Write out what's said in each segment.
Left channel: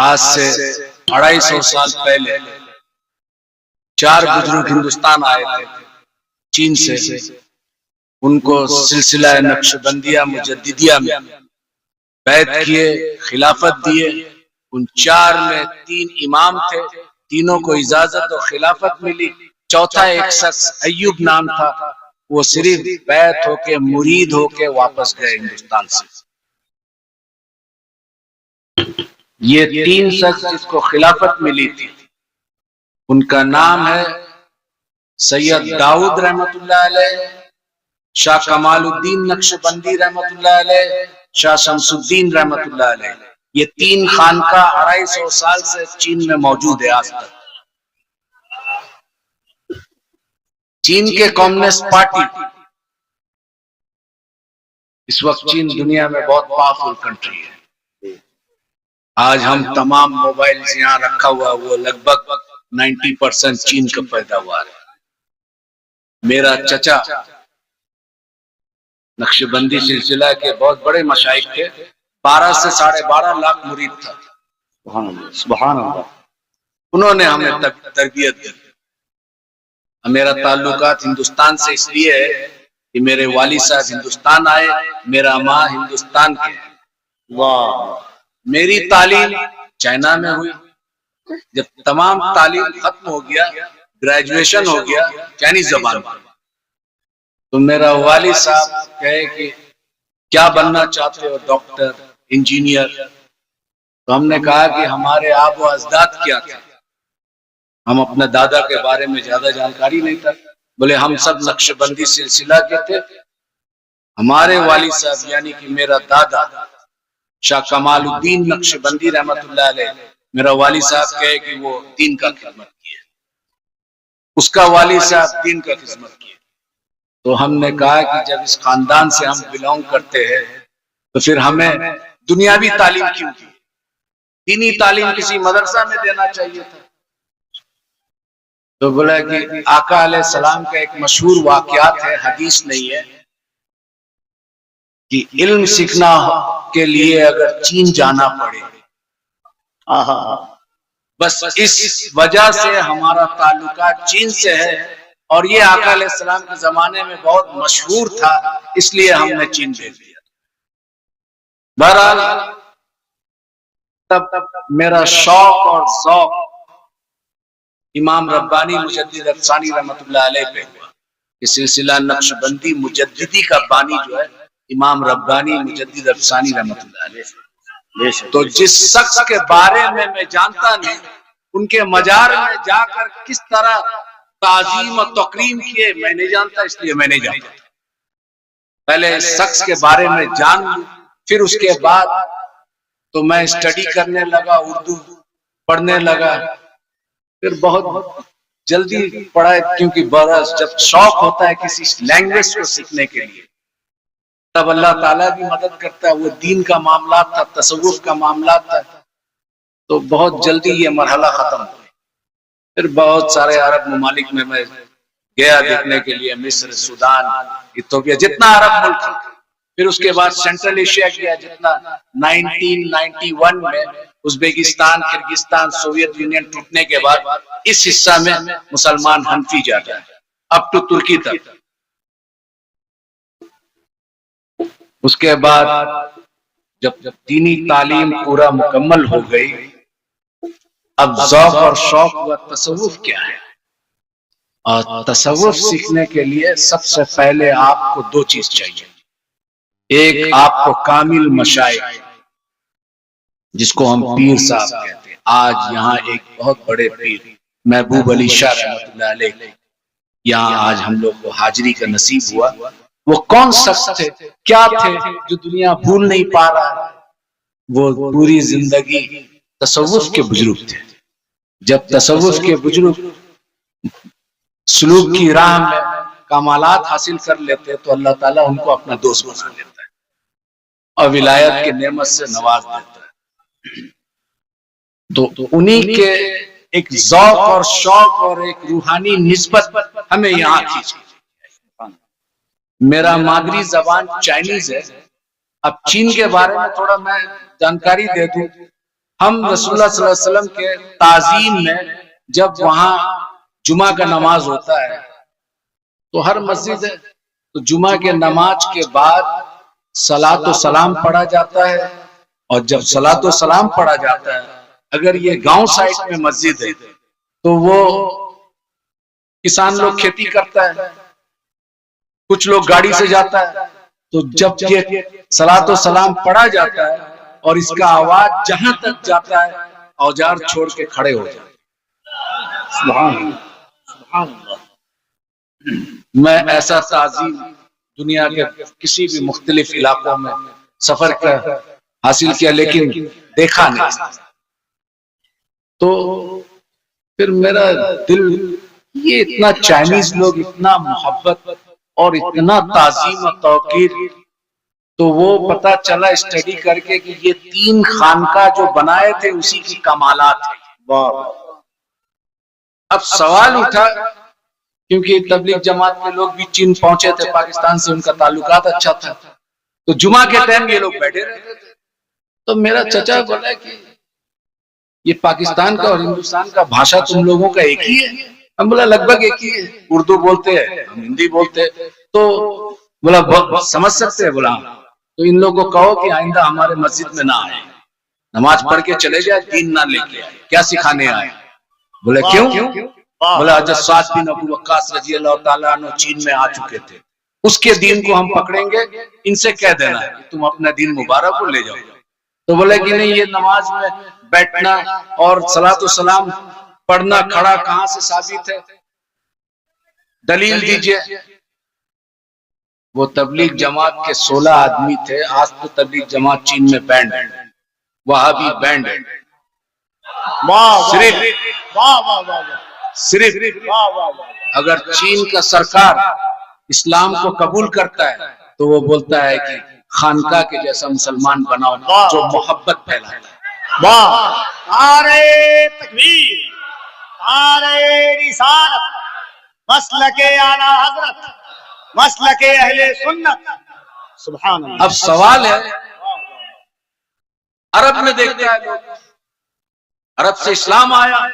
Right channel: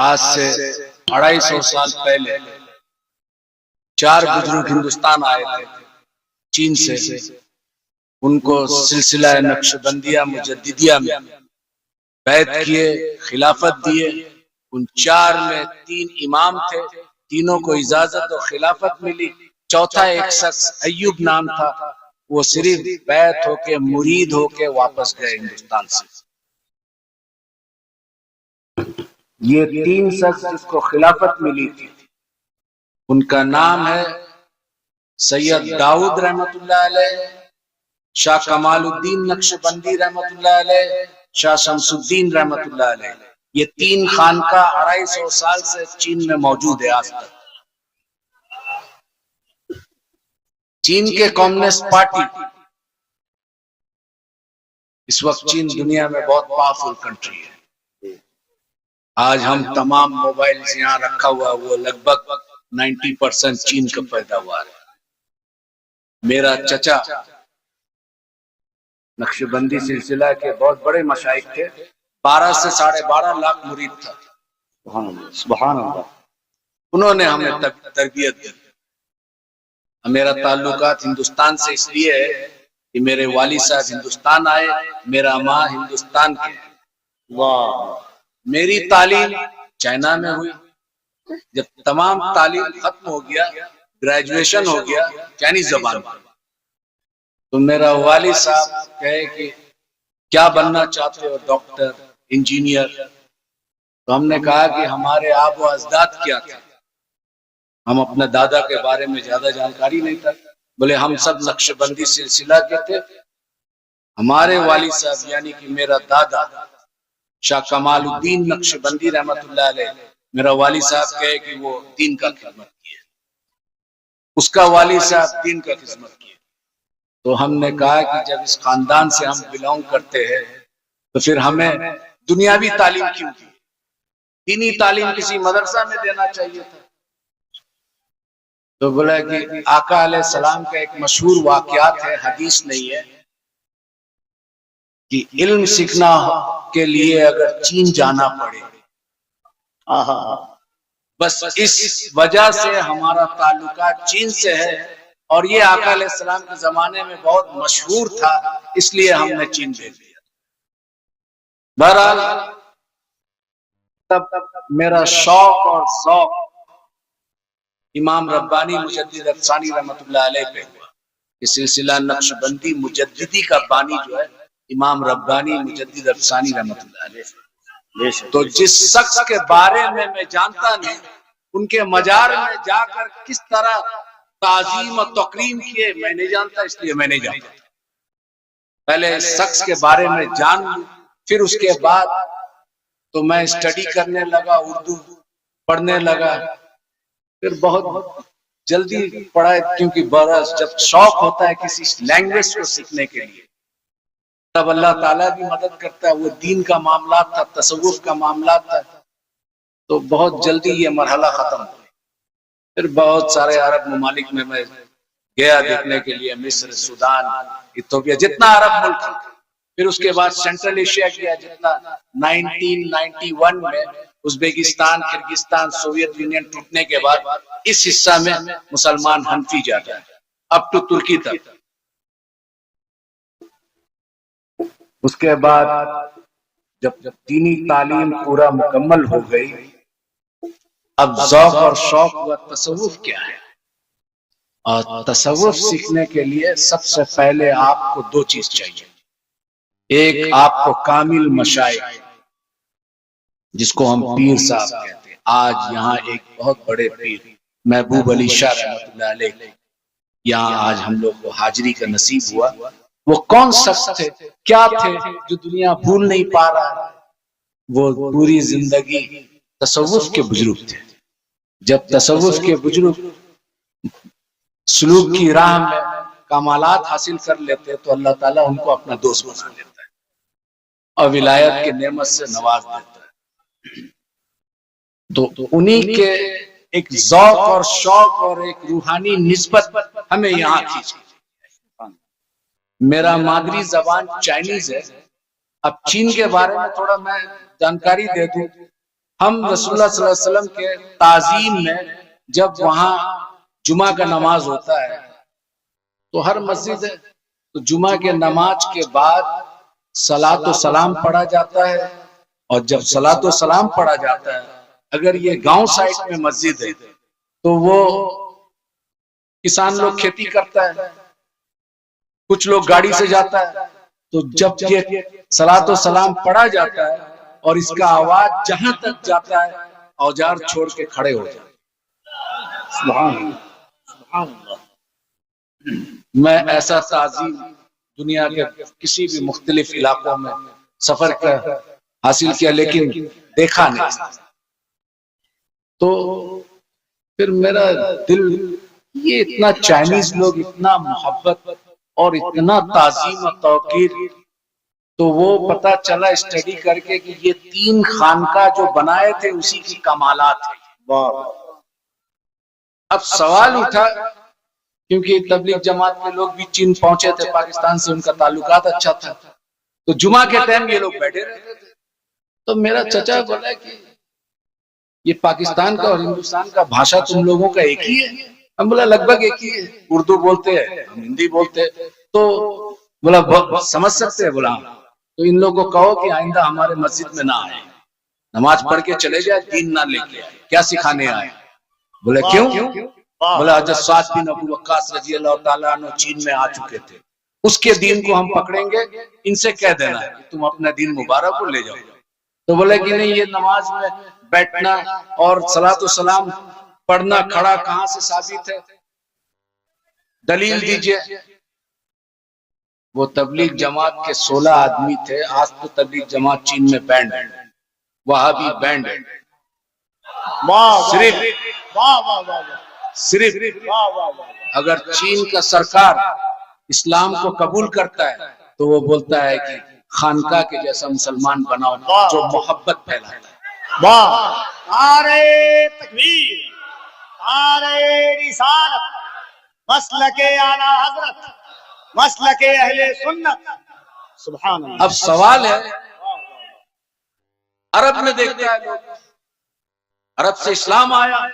آج سے 250 سال پہلے 4 بزرگ ہندوستان آئے تھے چین سے. ان کو سلسلہ نقشبندیہ مجددیہ میں بیعت کیے، خلافت دیے. ان 4 میں 3 امام تھے، تینوں کو اجازت اور خلافت ملی. چوتھا ایک شخص ایوب نام تھا، وہ صرف بیعت ہو کے مرید ہو کے واپس گئے ہندوستان سے. یہ 3 شخص جس کو خلافت ملی تھی ان کا نام ہے سید داؤد رحمت اللہ علیہ، شاہ کمال الدین نقشبندی رحمت اللہ علیہ، شاہ شمس الدین رحمت اللہ علیہ. یہ 3 خانقاہ 250 سال سے چین میں موجود ہے آج تک. چین کے کمیونسٹ پارٹی اس وقت چین دنیا میں بہت پاورفل کنٹری ہے. آج ہم تمام موبائلز یہاں رکھا ہوا وہ لگ بھگ 90% چین کا پیداوار ہے. میرا چچا نقشبندی سلسلہ کے بہت بڑے مشائخ تھے، 12 سے 12.5 لاکھ مرید تھا. سبحان اللہ. انہوں نے ہمیں تربیت دی. میرا تعلقات ہندوستان سے اس لیے ہے کہ میرے والد صاحب ہندوستان آئے، میرا ماں ہندوستان کے. میری تعلیم چائنا میں ہوئی. جب تمام تعلیم ختم ہو گیا، گریجویشن ہو گیا چائنیز زبان میں، تو میرا والد صاحب کہے کہ کیا بننا چاہتے ہو؟ Doctor, engineer. تو ہم نے کہا کہ ہمارے آب و اجداد کیا تھے. ہم اپنے دادا کے بارے میں زیادہ جانکاری نہیں تھا. بولے ہم سب نقشبندی سلسلہ کے تھے. ہمارے والد صاحب یعنی کہ میرا دادا شاہ کمال الدین نقشبندی رحمت اللہ علیہ، میرا والد صاحب کہے کہ وہ دین کا خدمت کیے، اس کا والد صاحب دین کا خدمت کیے. تو ہم نے کہا کہ جب اس خاندان سے ہم بلونگ کرتے ہیں تو پھر ہمیں دنیاوی تعلیم کیوں دی؟ دینی تعلیم کسی مدرسہ میں دینا چاہیے تھا. تو بولا کہ آقا علیہ السلام کا ایک مشہور واقعات ہے، حدیث نہیں ہے، کہ علم سیکھنا کے لیے اگر چین جانا پڑے. بس اس وجہ سے ہمارا تعلقات چین سے ہے، اور یہ آقا علیہ السلام کے زمانے میں بہت مشہور تھا، اس لیے ہم نے چین دے دیا. بہرحال تب میرا شوق اور ذوق امام ربانی مجدد افسانی رحمت اللہ علیہ پہ ہوا. یہ سلسلہ نقشبندی مجددی کا بانی جو ہے امام ربانی مجدد افسانی رحمت اللہ علیہ. تو جس شخص کے بارے میں جانتا نہیں، ان کے مزار میں جا کر کس طرح تعظیم و تکریم کیے میں نہیں جانتا، اس لیے میں نہیں جانتا. پہلے اس شخص کے بارے میں جان لوں، پھر اس کے بعد تو میں اسٹڈی کرنے لگا، اردو پڑھنے لگا. پھر بہت جلدی پڑھا، کیونکہ برس جب شوق ہوتا ہے کسی لینگویج کو سیکھنے کے لیے تب اللہ تعالیٰ بھی مدد کرتا ہے. وہ دین کا معاملات تھا، تصوف کا معاملات تھا، تو بہت جلدی یہ مرحلہ ختم ہوا. پھر بہت سارے عرب ممالک میں گیا دیکھنے کے لیے، مصر، سودان، ایتھوپیا، جتنا عرب ملک. پھر اس کے بعد سینٹرل ایشیا گیا، جتنا 1991 میں ازبیکستان، کرگستان، سوویت یونین ٹوٹنے کے بعد اس حصہ میں مسلمان حنفی جاتے ہیں، اب تو ترکی تک. اس کے بعد جب دینی تعلیم پورا مکمل ہو گئی، اب ذوق اور شوق و تصوف کیا ہے. اور تصوف سیکھنے کے لیے سب سے پہلے آپ کو 2 چیز چاہیے. ایک آپ کو کامل مشائخ، جس کو ہم پیر صاحب کہتے ہیں. آج یہاں ایک بہت بڑے پیر محبوب علی شاہ رحمت اللہ علیہ یہاں آج ہم لوگ کو حاضری کا نصیب ہوا. وہ کون شخص تھے، کیا تھے جو دنیا بھول نہیں پا رہا؟ وہ پوری زندگی تصوف کے بزرگ تھے. جب تصوف کے بزرگ سلوک کی راہ میں کمالات حاصل کر لیتے تو اللہ تعالیٰ ان کو اپنا دوست بنا لیتا ہے اور ولایت کی نعمت سے نواز دیتا ہے. تو انہی کے ایک ذوق اور شوق اور ایک روحانی نسبت ہمیں یہاں کھینچ. میرا مادری زبان چائنیز ہے. اب چین کے بارے میں تھوڑا میں جانکاری دے دوں. ہم رسول اللہ صلی اللہ علیہ وسلم کے تعظیم میں جب وہاں جمعہ کا نماز ہوتا ہے تو ہر مسجد ہے تو جمعہ کے نماز کے بعد صلاۃ و سلام پڑھا جاتا ہے، اور جب صلاۃ و سلام پڑھا جاتا ہے اگر یہ گاؤں سائڈ میں مسجد ہے تو وہ کسان لوگ کھیتی کرتا ہے، کچھ لوگ گاڑی سے جاتا ہے، تو جب یہ صلاۃ و سلام پڑھا جاتا ہے اور اس کا آواز جہاں تک جاتا ہے اوزار چھوڑ کے کھڑے ہو جاتے ہیں۔ سبحان اللہ، سبحان اللہ۔ میں ایسا تعظیم دنیا کے کسی بھی مختلف علاقوں میں سفر کر حاصل کیا لیکن دیکھا نہیں، تو پھر میرا دل یہ اتنا چائنیز لوگ اتنا محبت اور اتنا تعظیم و توقیر، تو وہ پتا چلا اسٹڈی کر کے کہ یہ 3 خانقاہ جو بنائے تھے اسی کی کمالات ہیں۔ اب سوال اٹھا کیونکہ تبلیغ جماعت کے لوگ بھی چین پہنچے تھے، پاکستان سے ان کا تعلقات اچھا تھا، تو جمعہ کے ٹائم یہ لوگ بیٹھے رہتے تھے، تو میرا چچا بولا کہ یہ پاکستان کا اور ہندوستان کا بھاشا تم لوگوں کا ایک ہی ہے؟ ہم بولا لگ بھگ ایک ہی ہے، اردو بولتے ہیں ہم ہندی بولتے ہیں، تو بولا سمجھ سکتے ہیں، بولا تو ان لوگوں کو کہو کہ آئندہ ہمارے مسجد میں نہ آئے، نماز پڑھ کے چلے جائے، دین نہ لے کے آئے، کیا سکھانے آئے؟ بولے کیوں؟ بولا حضرت سعد بن ابی وقاص رضی اللہ تعالیٰ عنہ چین میں آ چکے تھے، اس کے دین کو ہم پکڑیں گے، ان سے کہہ دینا ہے کہ تم اپنا دین مبارک کو لے جاؤ۔ تو بولے کہ نہیں، یہ نماز میں بیٹھنا اور صلاۃ و سلام پڑھنا کھڑا کہاں سے ثابت ہے؟ دلیل دیجئے۔ وہ تبلیغ جماعت کے 16 آدمی تھے، آج تو تبلیغ جماعت چین میں بینڈ ہے، وہابی بینڈ ہے، صرف اگر چین کا سرکار اسلام کو قبول کرتا ہے تو وہ بولتا ہے کہ خانقاہ کے جیسا مسلمان بناؤ جو محبت پھیلاتا ہے۔ نعرہ تکبیر، نعرہ رسالت، مسلک اعلی حضرت، مسلک اہل سنت، سبحان اللہ۔ اب سوال ہے، عرب میں دیکھتا ہے لوگ، عرب سے اسلام آیا،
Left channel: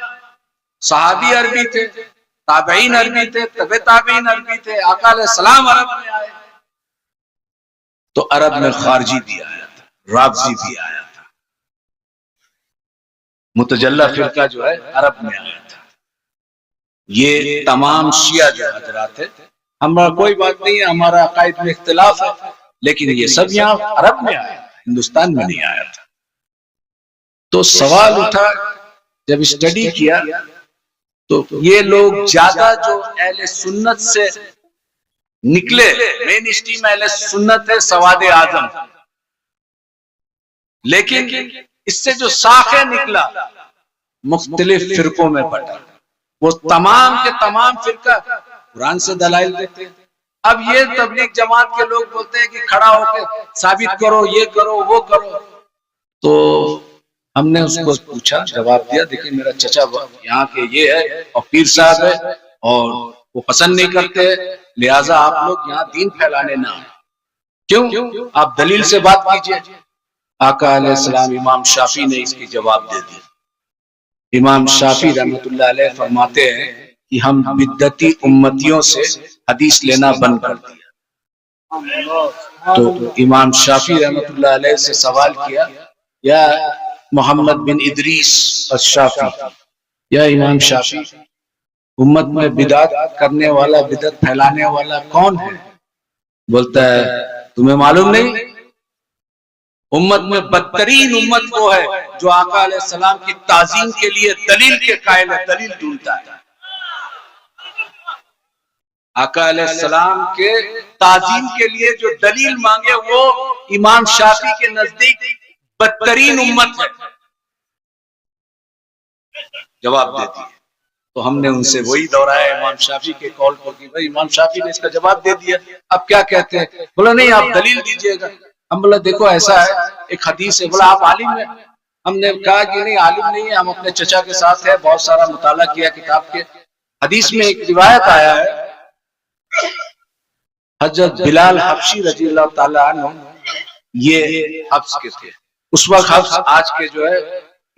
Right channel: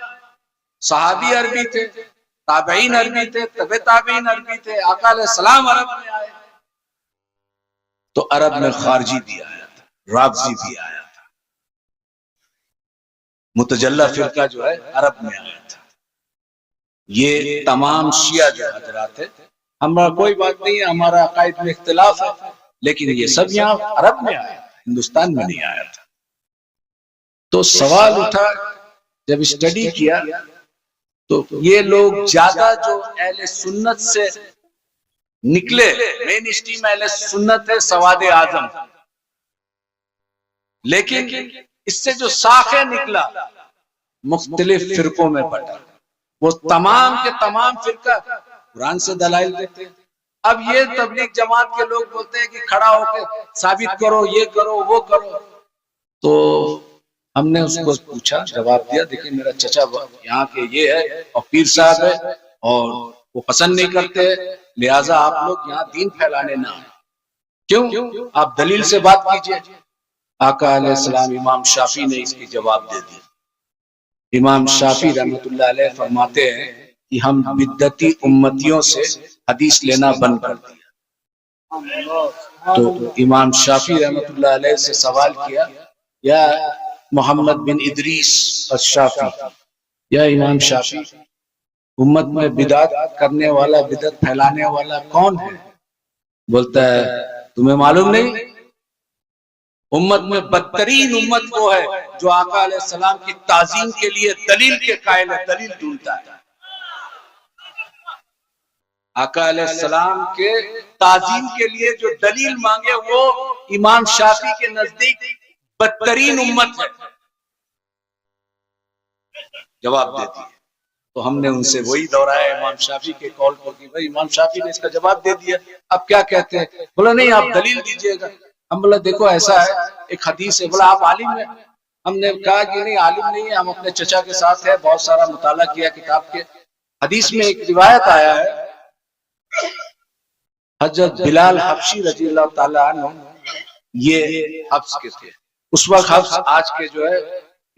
صحابی عربی تھے، تابعین عربی تھے، تبع تابعین عربی تھے، آقا علیہ السلام عرب میں آئے، تو عرب میں خارجی بھی آیا تھا، رافضی بھی آیا تھا، متجلہ فرقہ جو ہے عرب میں آیا تھا، یہ تمام شیعہ جو حضرات ہے، ہمارا کوئی بات نہیں ہے، ہمارا عقائد میں اختلاف ہے، لیکن یہ سب یہاں عرب میں آیا، ہندوستان میں نہیں آیا تھا۔ تو سوال اٹھا، جب اسٹڈی کیا تو یہ لوگ زیادہ جو اہل سنت سے نکلے، مین اسٹریم اہل سنت ہے سواد اعظم، لیکن اس سے جو ساخے نکلا مختلف فرقوں میں بٹا، وہ تمام کے تمام فرقہ قرآن سے دلائل دیتے ہیں۔ اب یہ تبلیغ جماعت کے لوگ بولتے ہیں کہ کھڑا ہو کے ثابت کرو، یہ کرو وہ کرو، تو ہم نے اس کو پوچھا، جواب دیا، دیکھیں میرا چچا یہاں کے یہ ہے اور پیر صاحب ہے اور وہ پسند نہیں کرتے، لہٰذا آپ لوگ یہاں دین پھیلانے نہ آئے، کیوں؟ آپ دلیل سے بات کیجئے۔ آقا علیہ السلام امام شافعی نے اس کی جواب دے دی۔ امام شافعی رحمۃ اللہ علیہ فرماتے ہیں کہ ہم بدعتی امتیوں سے حدیث لینا بند کر دیا۔ تو امام شافعی رحمۃ اللہ علیہ سے سوال کیا، یا محمد بن ادریس الشافعی، یا امام شافعی، امت میں بدعت کرنے والا، بدعت پھیلانے والا کون ہے؟ بولتا ہے تمہیں معلوم نہیں؟ امت میں بدترین امت وہ ہے جو آقا علیہ السلام کی تعظیم کے لیے دلیل کے قائل ہے، دلیل ڈھونڈتا ہے۔ آقا علیہ السلام کے تعظیم کے لیے جو دلیل مانگے وہ امام شافعی کے نزدیک بدترین امت ہے، جواب دیتی ہے۔ تو ہم نے ان سے وہی دہرایا امام شافعی کے قول کو کہ بھائی امام شافعی نے اس کا جواب دے دیا، اب کیا کہتے ہیں؟ بولا نہیں آپ دلیل دیجئے گا۔ ہم بولا دیکھو ایسا ہے، ایک حدیث ہے۔ بولا آپ عالم ہیں؟ ہم نے کہا کہ نہیں عالم نہیں ہے، ہم اپنے چچا کے ساتھ ہیں، بہت سارا مطالعہ کیا کتاب کے۔ حدیث میں ایک روایت آیا ہے، حضرت بلال حبشی رضی اللہ تعالیٰ عنہ یہ حبس کے تھے، اس وقت حبس آج کے جو ہے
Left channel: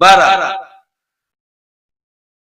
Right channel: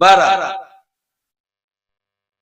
12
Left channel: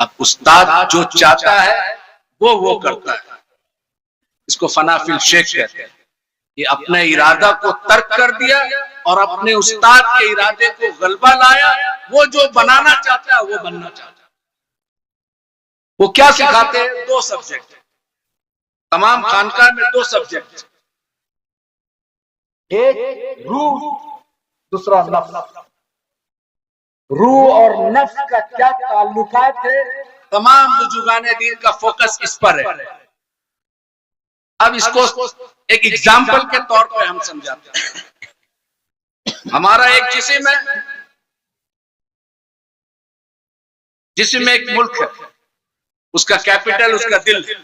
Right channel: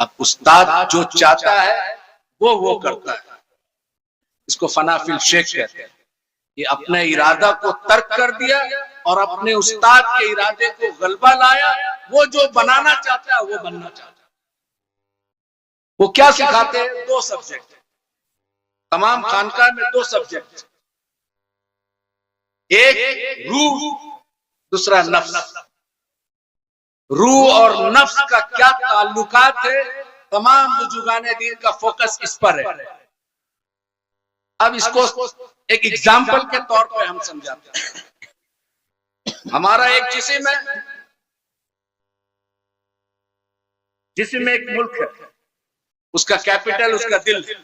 اب استاد جو چاہتا ہے وہ کرتا ہے. اس کو فنا فی الشیخ کہتے ہیں. یہ اپنے ارادہ کو ترک کر دیا اور اپنے استاد کے ارادے کو غلبہ لایا. وہ جو بنانا چاہتا ہے وہ بننا چاہتا ہے. وہ کیا سکھاتے ہیں؟ 2 سبجیکٹ. تمام خانقاہ میں 2 سبجیکٹ، ایک روح، دوسرا نفس. روح اور نفس کا کیا تعلقات ہے؟ تمام بزرگان دین کا فوکس اس پر ہے. اب اس کو ایک ایگزامپل کے طور پہ ہم سمجھاتے ہیں. ہمارا ایک جسم ہے، جسم میں ایک ملک ہے، اس کا کیپٹل اس کا دل ہے.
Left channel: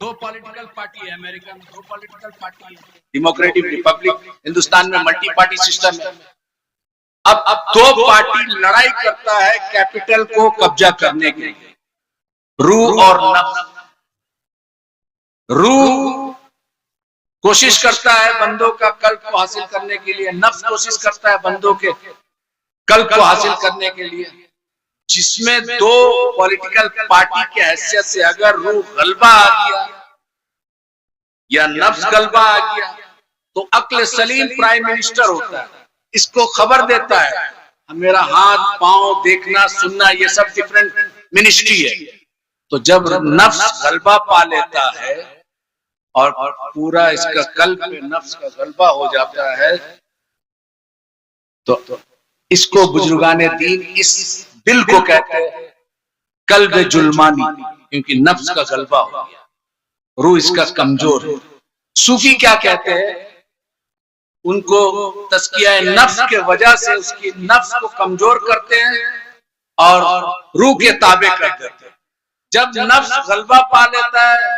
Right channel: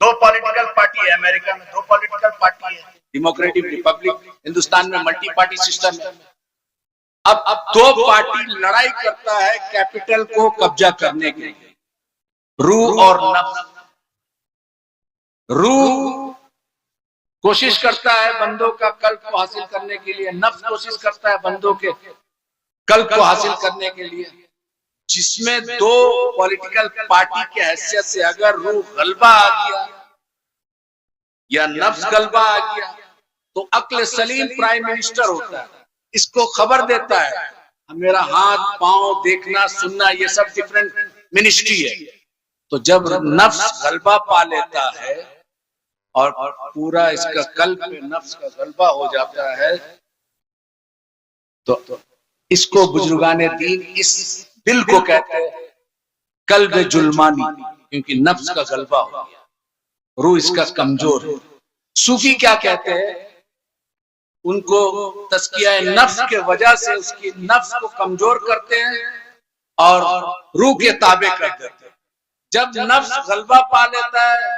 2 پولیٹیکل پارٹی ہے. امریکہ میں 2 پولیٹیکل پارٹی ہے، ڈیموکریٹک ریپبلک. ہندوستان میں ملٹی پارٹی سسٹم ہے. اب 2 پارٹی لڑائی کرتا ہے کیپٹل کو قبضہ کرنے کے لیے، روح اور نفس. روح کوشش کرتا ہے بندوں کا قلب کو حاصل کرنے کے لیے، نفس کوشش کرتا ہے بندوں کے قلب کو حاصل کرنے کے لیے. جس میں 2 پولیٹیکل پارٹی کے حیثیت سے اگر روح غلبہ آ گیا یا نفس غلبہ آ گیا تو عقل سلیم پرائم منسٹر ہوتا ہے. اس کو خبر دیتا ہے میرا ہاتھ پاؤں دیکھنا سننا یہ سب ڈیفرنٹ منسٹری ہے. تو جب نفس غلبہ پا لیتا ہے اور پورا اس کا قلب میں نفس کا غلبہ ہو جاتا ہے تو اس کو بزرگان دین اس دل کو کہتے ہیں قلب جلمانی، کیونکہ نفس کا غلبہ ہو گیا، روح اس کا کمزور ہے. صوفی کیا کہتے ہیں؟ ان کو تزکیہ نفس کے وجہ سے اس کی نفس کو کمزور کرتے ہیں اور روح کے تابع کر دیتے ہیں. جب نفس غلبہ پا لیتا ہے،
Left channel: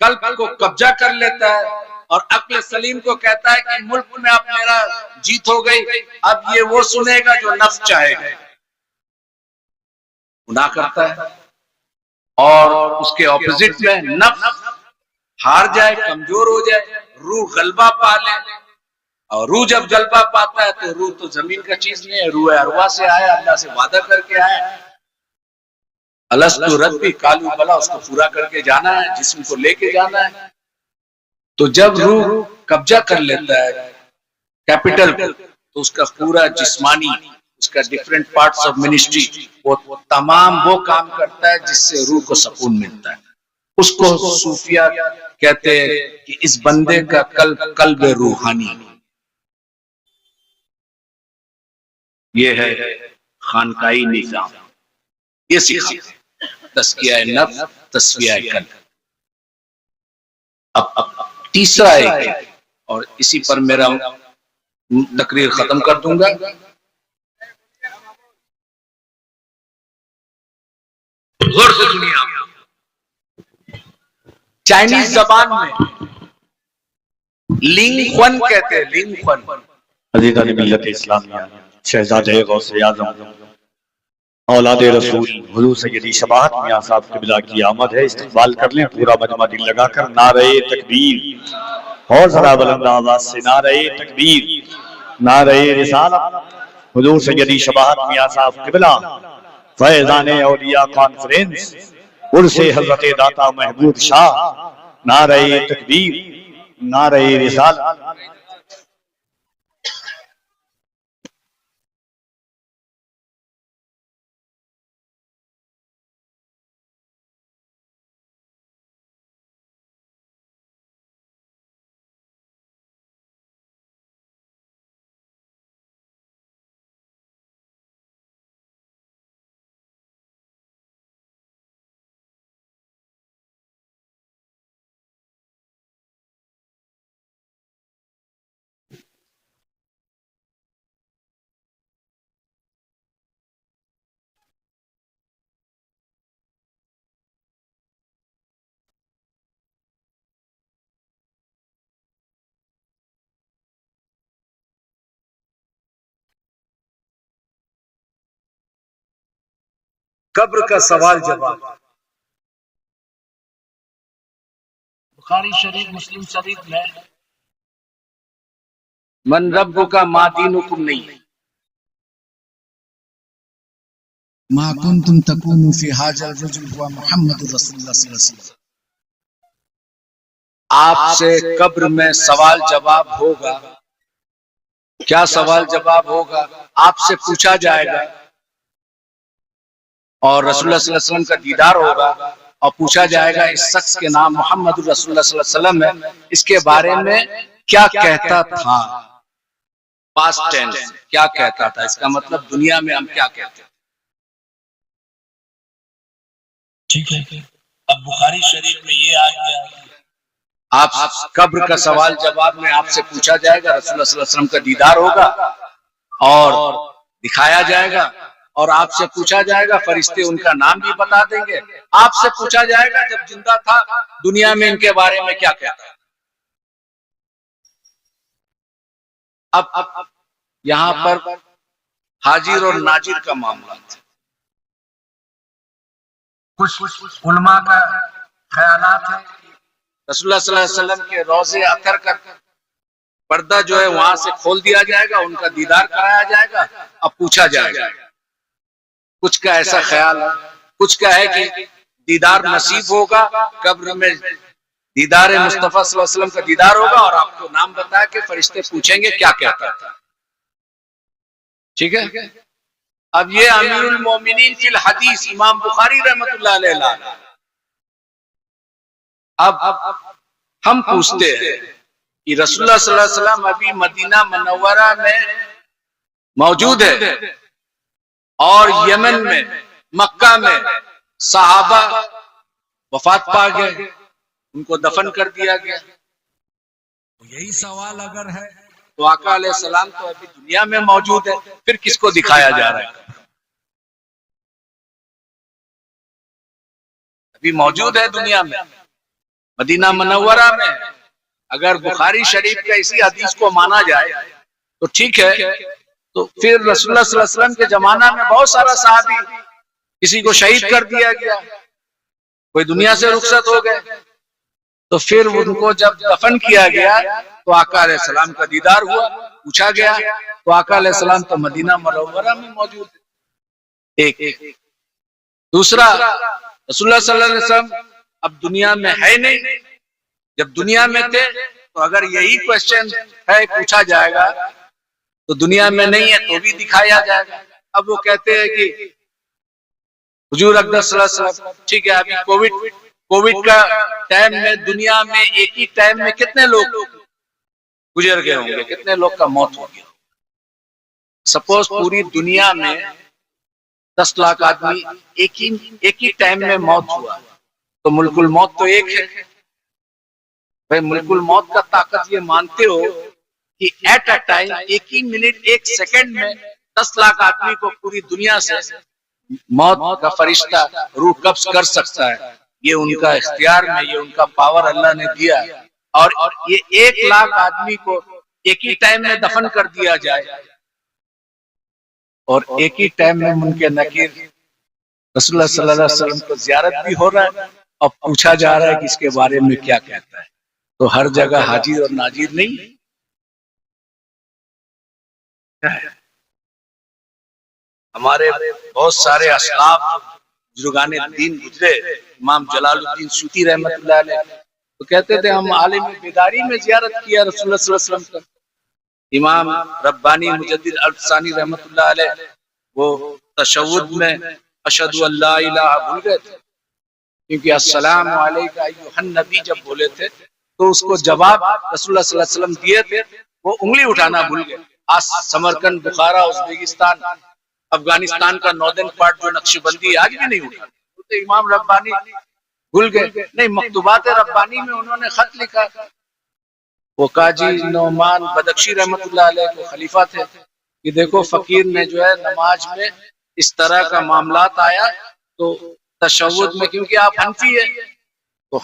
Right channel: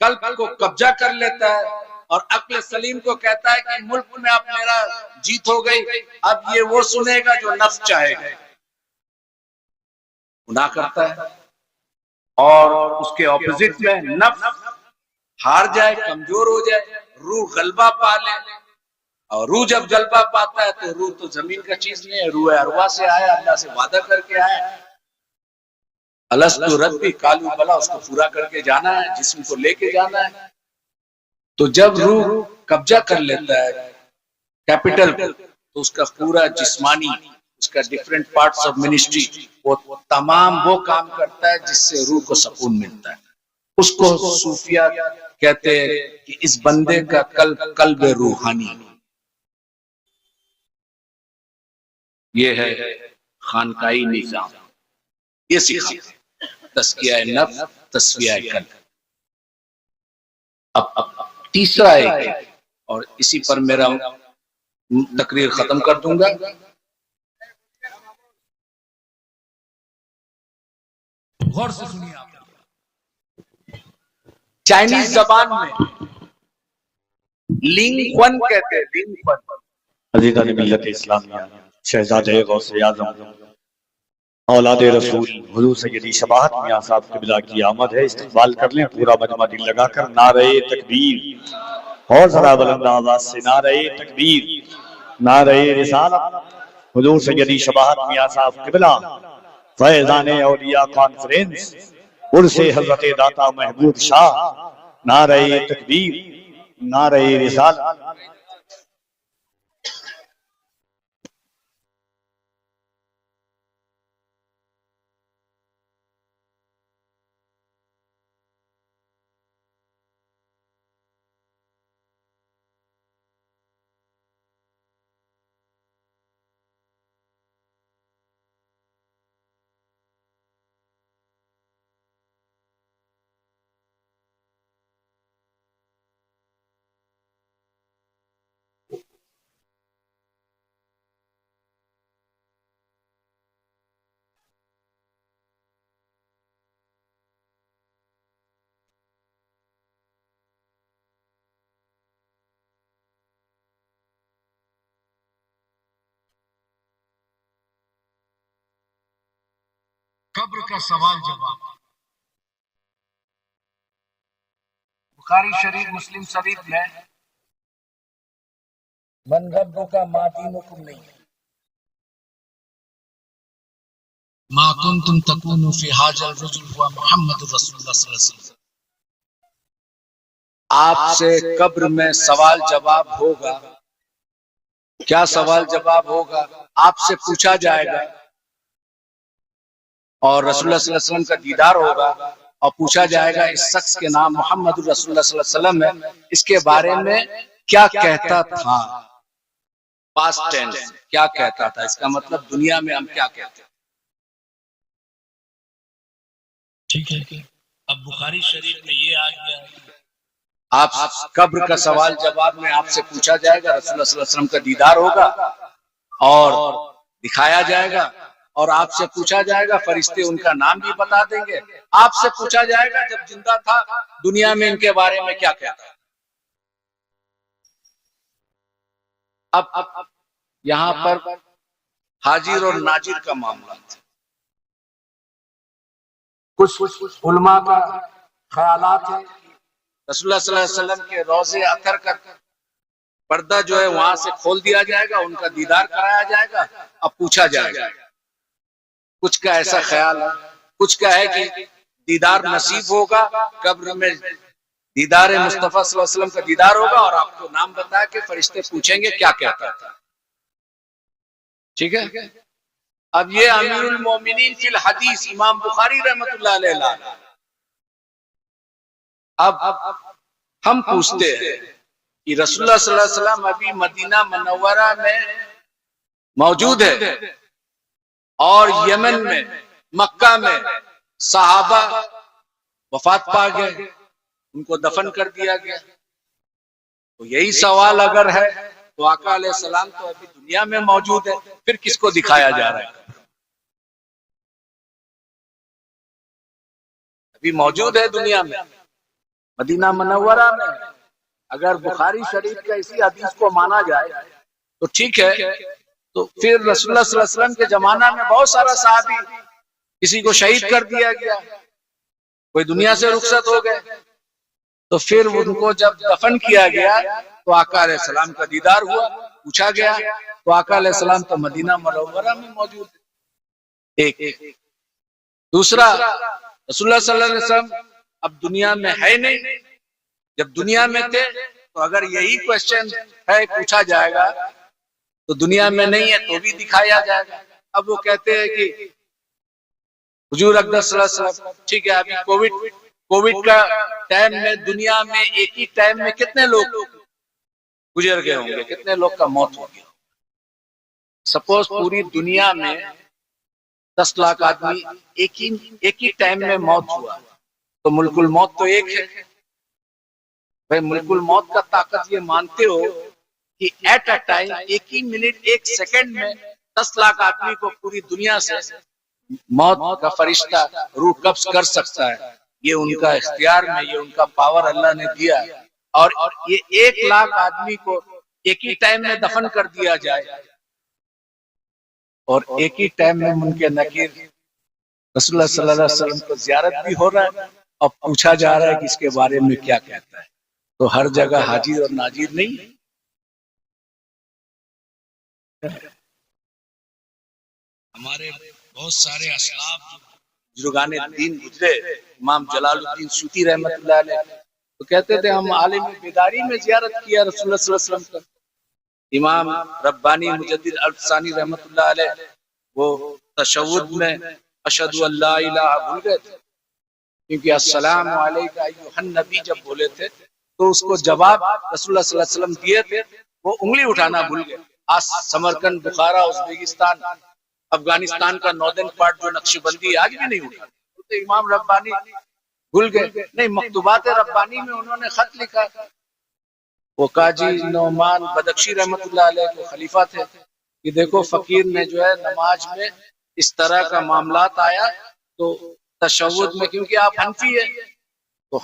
قلب کو قبضہ کر لیتا ہے اور عقل سلیم کو کہتا ہے کہ ملک میں اب میرا جیت ہو گئی، اب یہ وہ سنے گا جو نفس چاہے گا، گناہ کرتا ہے. اور اس کے اپوزٹ میں نفس ہار جائے، کمزور ہو جائے، روح غلبہ پا لے. اور روح جب غلبہ پاتا ہے تو روح تو زمین کا چیز نہیں ہے، روح ارواح سے آیا، اللہ سے وعدہ کر کے آیا. الستو ربی قالوا بلی، اس کو پورا کر کے جانا ہے، جسم کو لے کے جانا ہے. تو جب روح قبضہ کر لیتا ہے کیپٹل کو تو اس کا پورا جسمانی، اس کا ڈیفرنٹ پارٹس آف منسٹری، وہ تمام وہ کام کرتا ہے جس سے روح کو سکون ملتا ہے. اس کو صوفیہ کہتے ہیں کہ اس بندے کا قلب روحانی. یہ ہے خانقاہی نظام، یہ سکھاتا تزکیہ نفس، تزکیہ قلب. اب تیسرا ایک ہے اور اسی پر میرا تقریر ختم کر دوں گا. غور سے سنیے آپ. چائنیز زبان میں لنگ خون کہتے ہیں، لنگ خون. عزیزان ملت اسلامیہ، شہزادے غوث اعظم اولاد رسول حضور سیدی شفاعت میاں صاحب قبلہ کی آمد ہے. استقبال کر لیں پورا مجمع دل لگا کر. نعرہ تکبیر، اور ذرا بلند آواز سے نعرہ تکبیر، نعرہ رسالت. حضور سیدی شفاعت میاں صاحب قبلہ فیضان اولیاء کانفرنس عرس حضرت داتا محمود شاہ. نعرہ تکبیر، نعرہ رسالت. قبر کا سوال جواب. بخاری شریف، مسلم شریف میں من رب کا ما دینکم نہیں ہے. ما کنتم تکونوا فی ھذا الرجل هو محمد رسول اللہ صلی اللہ علیہ وسلم. آپ سے قبر میں سوال جواب ہوگا. کیا سوال جواب ہوگا؟ آپ سے پوچھا جائے گا اور رسول اللہ صلی اللہ علیہ وسلم کا دیدار ہوگا اور پوچھا جائے گا اس شخص کے نام محمد رسول اللہ صلی اللہ علیہ وسلم ہے، اس کے بارے میں کیا کہتا تھا. پاسٹ ٹینس کیا کہتا تھا، اس کا مطلب دنیا میں ہم کیا کہتے ہیں. ٹھیک ہے. اب بخاری شریف میں یہ آ گیا، آپ قبر کا سوال جواب میں آپ سے پوچھا جائے گا، رسول اللہ صلی اللہ علیہ وسلم کا دیدار ہوگا اور دکھایا جائے گا اور آپ سے پوچھا جائے گا، فرشتے ان کا نام بھی بتا دیں گے. آپ سے پوچھا جائے گا جب زندہ تھا دنیا میں ان کے بارے میں کیا کہتا. اب یہاں پر حاضر اور ناظر کا معاملہ تھا. کچھ علماء کا خیالات ہے رسول اللہ صلی اللہ علیہ وسلم کے روضے اطہر کا پردہ جو ہے وہاں سے کھول دیا جائے گا، ان کا دیدار کرایا جائے گا اب پوچھا جائے گا. کچھ کا ایسا خیال ہے، کچھ کا ہے کہ دیدار نصیب ہوگا، قبر میں دیدار مصطفیٰ صلی اللہ علیہ وسلم کا دیدار ہوگا اور آپ کو نام بتایا کہ فرشتے پوچھیں گے کیا کہتا تھا. ٹھیک ہے. اب یہ امیر المومنین فی الحدیث امام بخاری رحمۃ اللہ علیہ. اب ہم پوچھتے ہیں کہ رسول اللہ صلی اللہ علیہ وسلم ابھی مدینہ منورہ میں موجود ہے اور یمن میں مکہ میں صحابہ وفات پا گئے، ان کو دفن کر دیا گیا. تو یہی سوال اگر ہے تو آقا علیہ السلام تو ابھی دنیا میں موجود ہے، پھر کس کو دکھایا جا رہا ہے؟ ابھی موجود ہے دنیا میں، مدینہ منورہ میں. اگر بخاری شریف کا اسی حدیث کو مانا جائے تو ٹھیک ہے، تو پھر رسول اللہ صلی اللہ علیہ وسلم کے زمانہ میں بہت سارا صحابی کسی کو شہید کر دیا گیا، کوئی دنیا سے رخصت ہو گئے، تو پھر ان کو جب دفن کیا گیا تو آقا علیہ السلام کا دیدار ہوا، پوچھا گیا تو آقا علیہ السلام تو مدینہ منورہ میں موجود ہے. ایک دوسرا، رسول اللہ صلی اللہ علیہ وسلم اب دنیا میں ہے نہیں. جب دنیا میں تھے تو اگر یہی کوشچن ہے پوچھا جائے گا تو دنیا میں نہیں ہے تو بھی دکھایا جائے گا. اب وہ کہتے ہیں کہ حضور اقدس صلی اللہ علیہ وسلم ٹھیک ہے، ابھی کووڈ کا ٹائم میں دنیا میں ایک ہی ٹائم میں کتنے لوگ گزر گئے ہوں گے، کتنے لوگ کا موت ہو گیا. سپوز پوری دنیا میں 10 لاکھ آدمی ایک ہی ٹائم میں موت ہوا تو ملک الموت تو ایک ہے. بھائی ملک الموت کا طاقت یہ مانتے ہو کہ ایٹ اے ٹائم ایک ہی منٹ ایک سیکنڈ میں 10 لاکھ آدمی کو پوری دنیا سے موت کا فرشتہ روح قبض کر سکتا ہے. یہ ان کا اختیار میں، یہ ان کا پاور اللہ نے دیا. اور یہ 1 لاکھ آدمی کو ایک ہی ٹائم میں دفن کر دیا جائے اور ایک ہی ٹائم میں منکر نکیر رسول اللہ صلی اللہ علیہ وسلم کو زیارت بھی ہو رہا ہے اور پوچھا جا رہا ہے کہ اس کے بارے میں کیا کہتا ہے. تو ہر جگہ حاضر اور ناظر نہیں ہے. ہمارے بہت سارے اسلاف بزرگان دین گزرے، امام جلال الدین سیوطی رحمۃ اللہ علیہ تو کہتے تھے ہم عالم بیداری میں زیارت کیا رسول اللہ صلی اللہ علیہ وسلم کا. امام ربانی مجدد الفسانی رحمۃ اللہ علیہ وہ تشہد میں اشہد ان لا الہ بھول گئے تھے، کیونکہ السلام علیکہ ایھا النبی جب بولے تھے تو اس کو جواب رسول اللہ صلی اللہ علیہ وسلم دیے تھے، وہ انگلی اٹھانا بھول گئے. آج سمرقند، بخارا، ازبکستان، افغانستان کا ناردرن پارٹ جو نقش بندی آج بھی نہیں اٹھا، تو امام ربانی بھول گئے. نہیں، مکتوبات ربانی میں انہوں نے خط لکھا. وہ قاضی نعمان بدخشی رحمۃ اللہ علیہ کو خلیفہ تھے کہ دیکھو فقیر نے جو ہے نماز میں اس طرح کا معاملات آیا تو تشہد میں، کیونکہ آپ حنفی ہے تو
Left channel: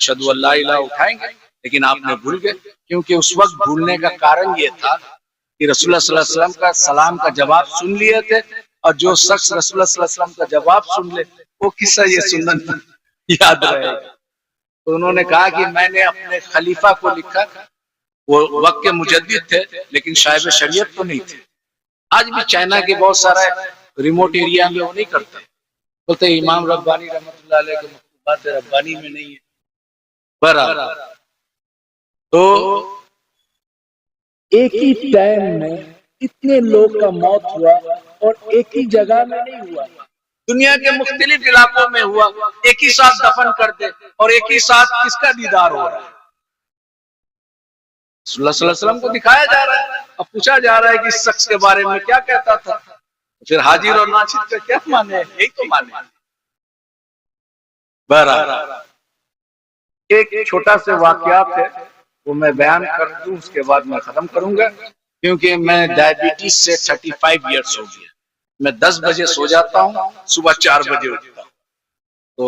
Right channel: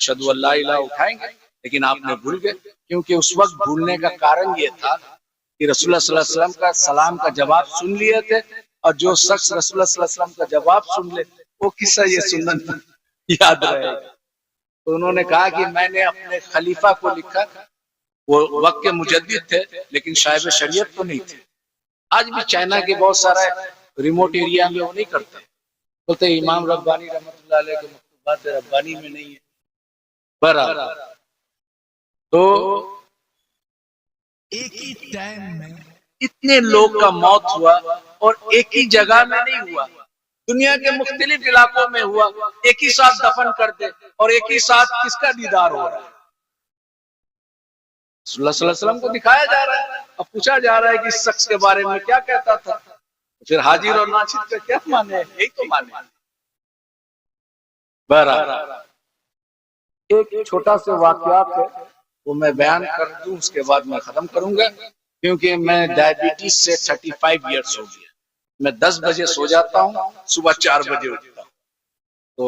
اشہد ان لا الہ اٹھائیں گے، لیکن آپ نے بھول گئے. کیونکہ اس وقت بھولنے کا کارن یہ تھا کہ رسول اللہ صلی اللہ علیہ وسلم کا سلام کا جواب سن لیے تھے، اور جو شخص رسول اللہ صلی اللہ علیہ وسلم کا جواب سن لے وہ قصہ یہ سنن یاد رہے گا. تو انہوں نے کہا کہ میں نے اپنے خلیفہ کو لکھا، وہ وقت کے مجدد تھے لیکن صاحب شریعت تو نہیں تھے. آج بھی چائنا کے بہت سارا ریموٹ ایریا میں وہ نہیں کرتے. بولتے امام ربانی رحمۃ اللہ علیہ کے مکتوبات ربانی میں نہیں ہے. برابر. تو ایک ہی ٹائم میں اتنے لوگ کا موت ہوا اور ایک ہی جگہ میں نہیں ہوا, دنیا کے مختلف علاقوں میں ہوا, ایک ہی ساتھ دفن کرتے اور ایک ہی ساتھ کس کا دیدار ہو رہا ہے؟ صلی اللہ علیہ وسلم کو دکھایا جا رہا ہے. اب پوچھا جا رہا ہے کہ اس شخص کے بارے میں کیا کہتا تھا, پھر حاضر اور ناصر کا کیا مانے, یہی تو مانے. بہرحال ایک چھوٹا سے واقعات ہے وہ میں بیان کر دوں, اس کے بعد میں ختم کروں گا, کیونکہ میں ڈائبٹیز سے 35 ایئرس ہو گیا. میں 10 بجے سو جاتا ہوں, صبح 4 بجے اٹھتا ہوں. تو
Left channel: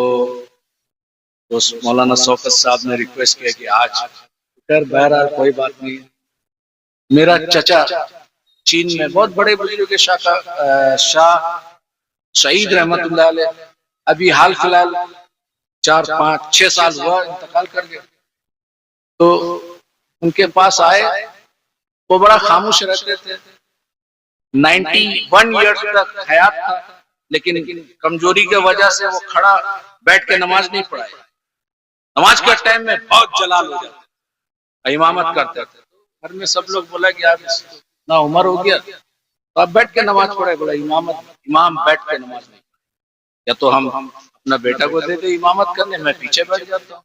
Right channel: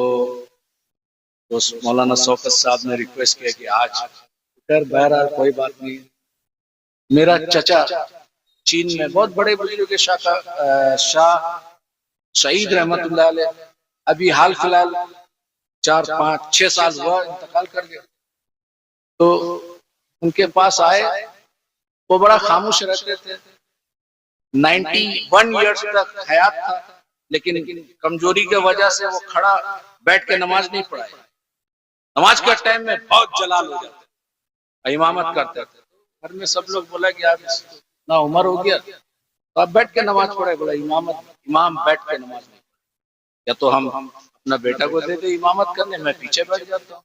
مولانا شوکت صاحب نے ریکویسٹ کیا کہ آج پھر بہرحال کوئی بات نہیں. میرا چچا چین میں بہت بڑے بزرگ شاہ سعید رحمت اللہ علیہ ابھی حال فی الحال 4-5-6 سال ہوا انتقال کر گئے. تو ان کے پاس آئے, وہ بڑا خاموش رہتے تھے, 91 ایئرس تک حیات تھا, لیکن کمزوری کی وجہ سے وہ کھڑا بیٹھ کے نماز نہیں پڑھائے. نماز کے ٹائم میں بہت جلال ہو جاتا, امامت کرتے تھے. گھر میں سب لوگ بولا کہ آپ اتنا عمر ہو گیا تو آپ بیٹھ کے نماز پڑھے. بولا امام بیٹھ کے نماز نہیں پڑھے, یا تو ہم اپنا بیٹا کو دے دے امامت کرنے, میں پیچھے بیٹھ جاتا ہوں.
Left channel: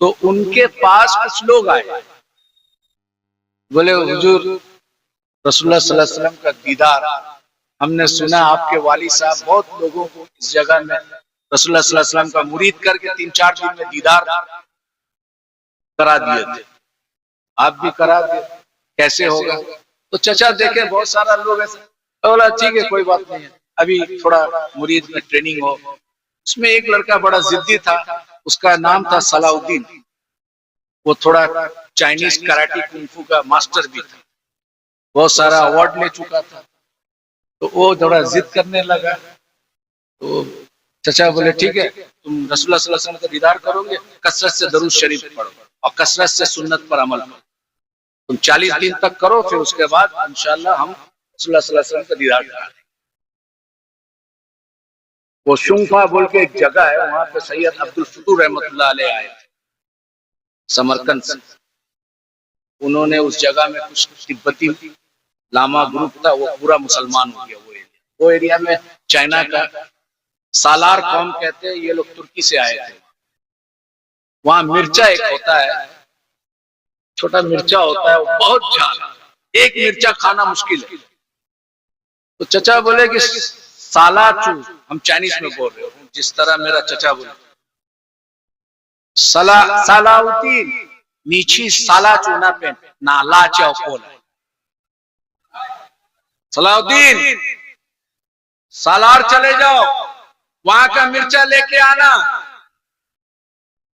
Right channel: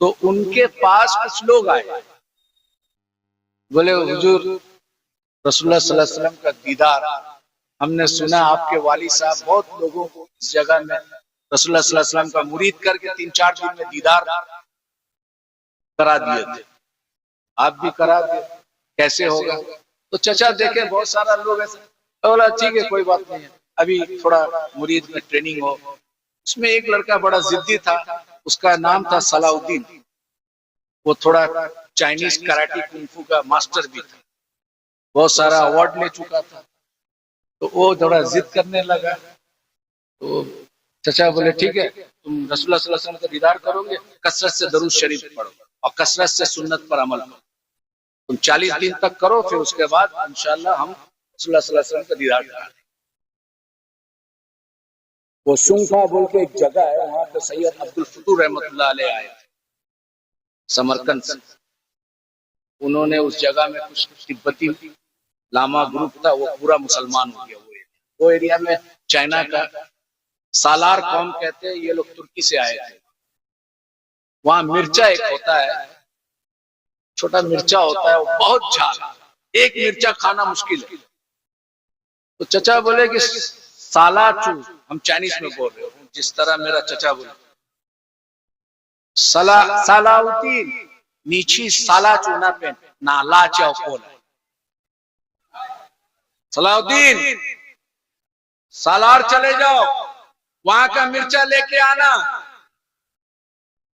تو ان کے پاس کچھ لوگ آئے, بولے حضور رسول اللہ صلی اللہ علیہ وسلم کا دیدار, ہم نے سنا آپ کے والد صاحب بہت لوگوں کو اس جگہ میں رسول اللہ صلی اللہ علیہ وسلم کا مرید کر کے 3-4 دن میں دیدار کرا دیے تھے, آپ بھی کرا دیں, کیسے ہوگا؟ تو چچا دیکھے بہت سارا لوگ ایسے, بولا ٹھیک ہے کوئی بات نہیں ہے, ابھی تھوڑا مرید میں ٹریننگ ہو. اس میں ایک لڑکا بڑا ضدی تھا, اس کا نام تھا صلاح الدین. وہ تھوڑا چائنیز کراٹی کنفو کا ماسٹر بھی تھا, بہت سارا ایوارڈ لے چکا تھا. تو وہ تھوڑا ضد کرنے لگا. تو چچا بولے ٹھیک ہے, تم رسول اللہ صلی اللہ علیہ وسلم کا دیدار کرو گے, کثرت سے درود شریف پڑھو اور کثرت سے سنت پر عمل کرو. تم 40 دن تک کرو, پھر اس کے بعد انشاءاللہ ہم رسول اللہ صلی اللہ علیہ وسلم کا دیدار کریں. وہ شنفا بول کے ایک جگہ ہے, وہاں پہ سید عبد الفتوح رحمۃ اللہ علیہ آئے تھے سمرقند سے. انہوں نے اس جگہ میں کچھ تبتی لاما گروپ تھا, وہ پورا مسلمان ہو گیا. وہ ایریا میں چائنا کا سالار قوم کہتے ہیں, یہ لوگ ترکی سے آئے تھے. وہاں مرچا ایک ہوتا ہے, چھوٹا مرچا ہوتا ہے, وہ بہت جھال, ایک مرچا کھانا مشکل ہے. تو چچا بولے کہ سالا چو, ہم چائنیز میں بول رہے ہوں جس طرح میرا چچا بولے, سالاؤدین نیچی سالا چونا پہ نالا چاو کولا. صلاح الدین سالار چلے جاؤ, وہاں کا مرچا لے کے آنا.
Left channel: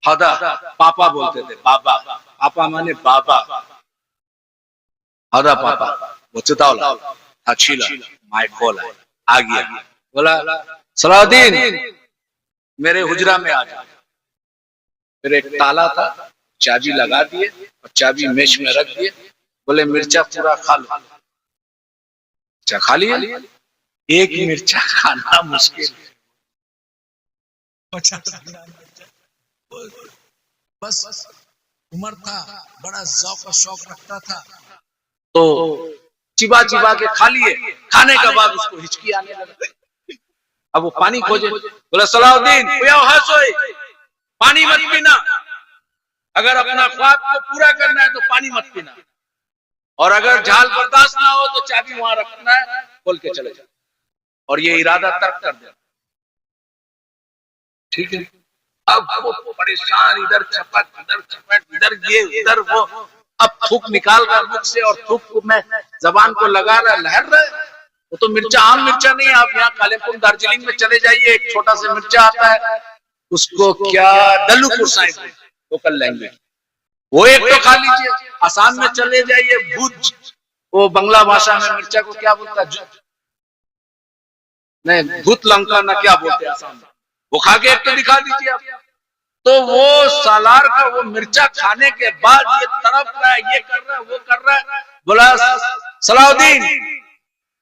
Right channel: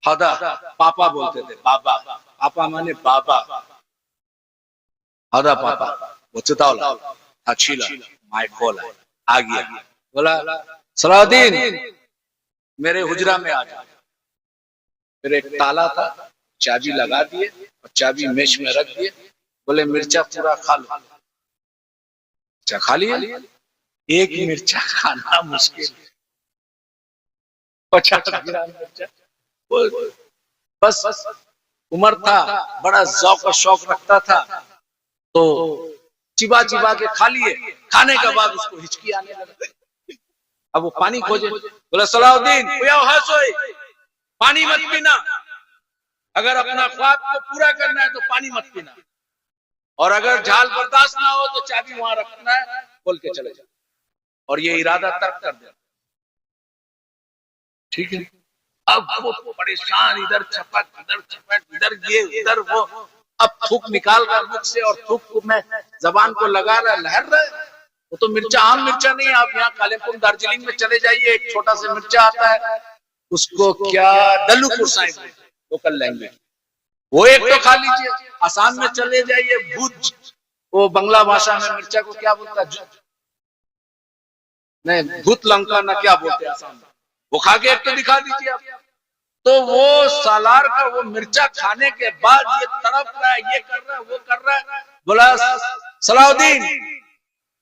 ہدا پاپا بولتے تھے, بابا, پاپا مانے بابا, ہدا پاپا وچتاولا اچھیلا مائی کھولا آ گیا. بولا صلاح الدین میرے حجرہ میں آ جا. پھر ایک تالا تھا, چابی لگا دیے اور چابی میش میں رکھ دیے. بولے مرچا پورا کھا لو. مرچا کھا لیا, ایک مرچا کھانا مشکل ہے, 50 گرام مرچا. بس عمر تھا, بڑا ذوق و شوق رکھتا تھا, تو چبا چبا کے کھا لیے. کھانے کے بعد اس کو ہچکی آنے لگا, اب وہ پانی کھوجے. بولا صلاح الدین پانی مت پینا, اگر اپنا خواب کو پورا کرنا ہے تو پانی مت پینا, اور اگر جھال برداشت نہ ہو تو چابی وہاں رکھنا ہے, کھول کے چلے جاؤ, اور یہ ارادہ ترک کر دیا. ٹھیک ہے. اب وہ پریشان, ادھر چھپٹ ادھر یہ ادھر وہ, اب تھوک نکال رہا مکھ سے اور تھوک میں زبان کو لگا رہا, لہر رہا. وہ تو مرچا عام مرچا نہیں ہے. آپ یہاں کالمپور دارجلنگ میں چلے جائیے, ایک چھوٹا سا مرچا آتا ہے, اس کو کیا ڈلو پرسائز لوکل لینگویج, وہ ایک تو کھا لیجیے. آسام میں چلے جائیے, بھوج, وہ بنگلہ بھاشا میں مرچا کو کیا بولتا ہے, نہیں بھوت لنکا نہ کیا بولتے ہیں آسام میں, وہ کھا کے ایک تو دکھا دیجیے آپ. تو وہ سالار کا وہ مرچا کھانے کے بعد یہ تڑپ رہا ہے, یہ کر رہا ہے, وہ کر رہا ہے. بولا صلاح الدین